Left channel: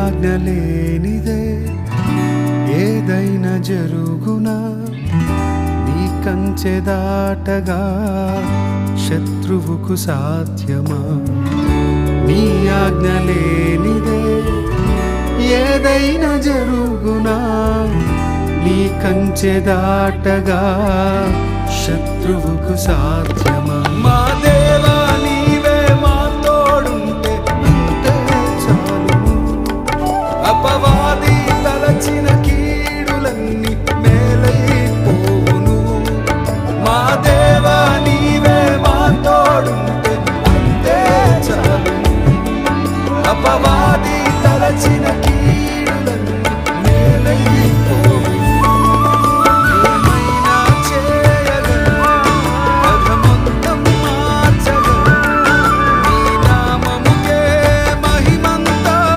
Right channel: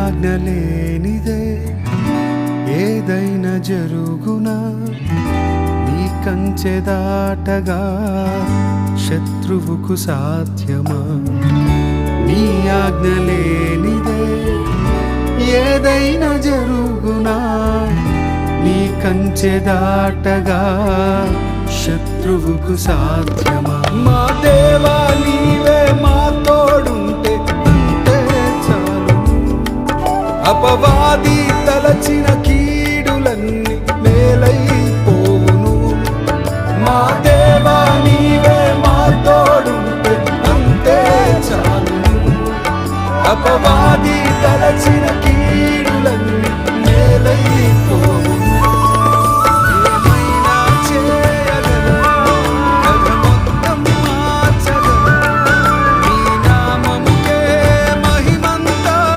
ఆజ్ఞ లేనిదే ఏదైనా జరుగునా, నీ కంచె దాటగా శత్రువుకు సాధ్యమా? నీ ఆజ్ఞ లేనిదే ఏదైనా జరుగునా, నీ కంచె దాటగా శత్రువుకు సాధ్యమా? మా దేవా నీవే మా తోడుంటే అంతే చాలు.